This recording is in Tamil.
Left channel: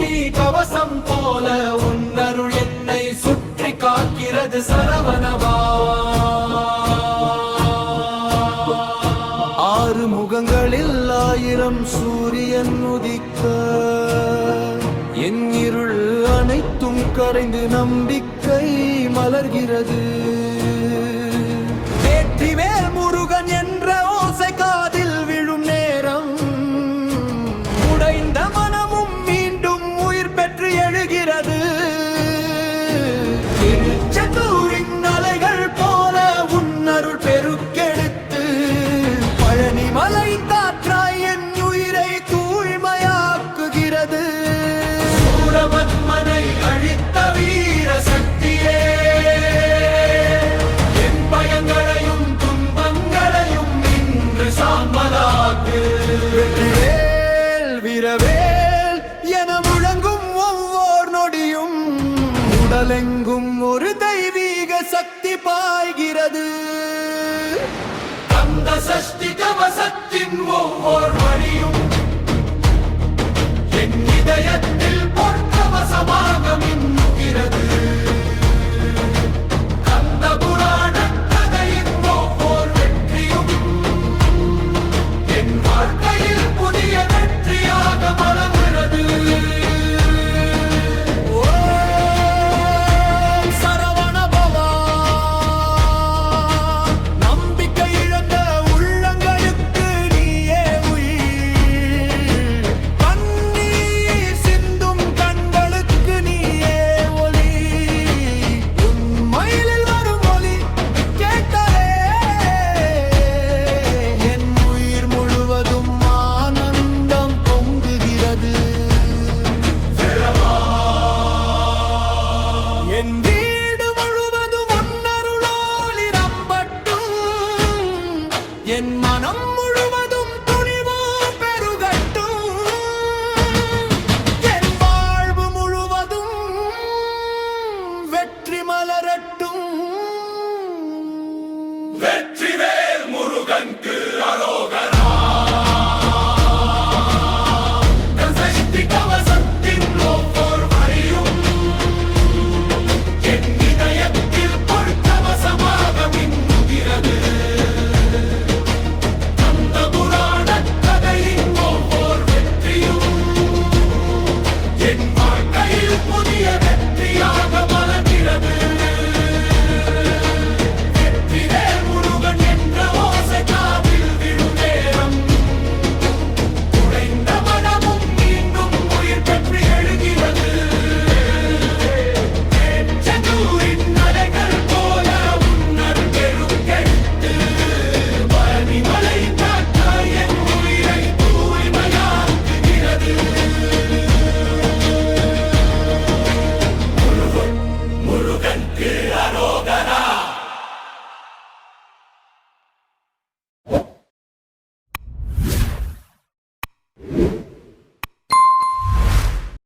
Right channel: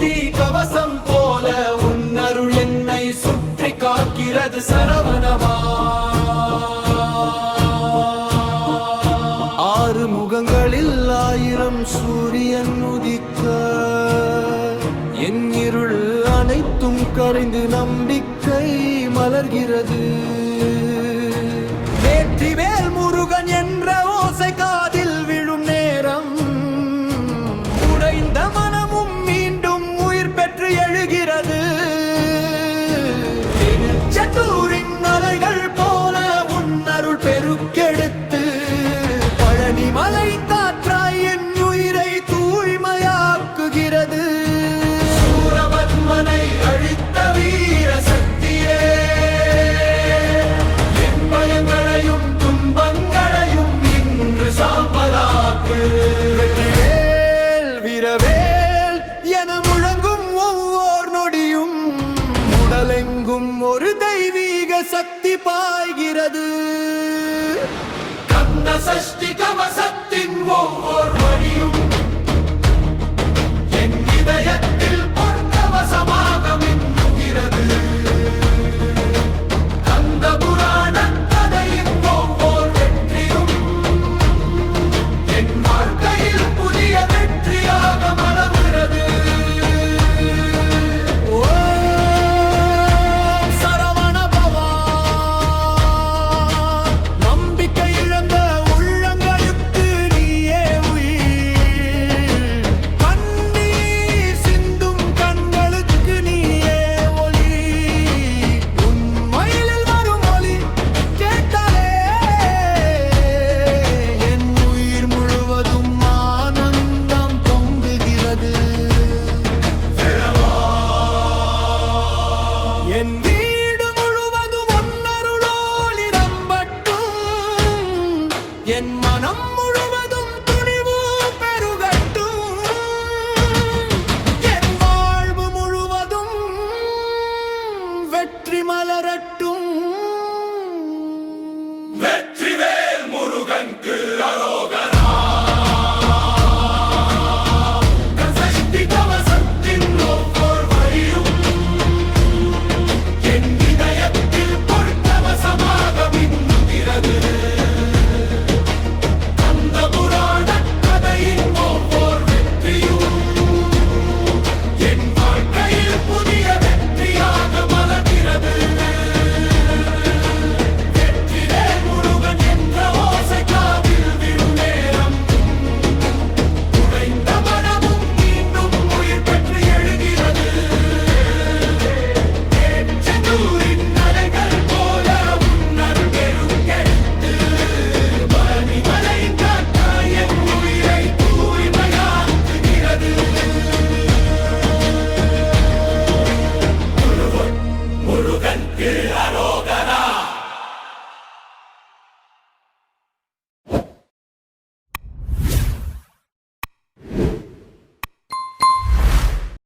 சஷ்டி கவசம் போல உன்னருள் என்னை சுற்றி காக்கிறது சரவணபவா. ஆறு முகங்களில் ஆயிரம் சூரியன் உதிக்க என் இருள் அனைத்தும் கரைந்து நம்பிக்கை மலர்கிறது. வேற்றிவேல் முருகன் என்ற ஓசை காதில் விழும் நேரம் உடைந்த மனமும் மீண்டும் உயிர் பெற்று எழுகிறது. திருச்செந்தூரின் அலைகள் போல உன்னருள் பெருக்கெடுத்து பழனிமலை காற்றாய் என் உயிரை தூய்மையாக்குகிறது. சூரபத்மனை அழித்த வீர சக்தியே, என் பயங்களையும் துன்பங்களையும் இன்று சாம்பலாக்கு. வெற்றிவேல் வீரவேல் என முழங்கும் ஒவ்வொரு நொடியும் உடலெங்கும் ஒரு தெய்வீக சக்தி பாய்கிறது. கந்த சஷ்டி கவசத்தின் ஒவ்வொரு வரியும் என் இதயத்தில் பொற்கவசமாக மின்னுகிறது. கந்த புராண கதையின் ஒவ்வொரு வெற்றியும் என் வாழ்க்கையில் புதிய வெற்றியாக மலர்கிறது. ஓம் சரவணபவா. நம்பிக்கை இழந்த உள்ளங்களுக்கு நீயே உயிர், கண்ணீர் சிந்தும் கண்களுக்கு நீயே ஒளி. உண்மையில் வரும் ஒளி கேட்டாலே என் உயிர் முழுவதும் ஆனந்தம் பொங்குகிறது. என் வீடு முழுவதும் ஒன்னருளோலி ரம்பட்டும், என் மனம்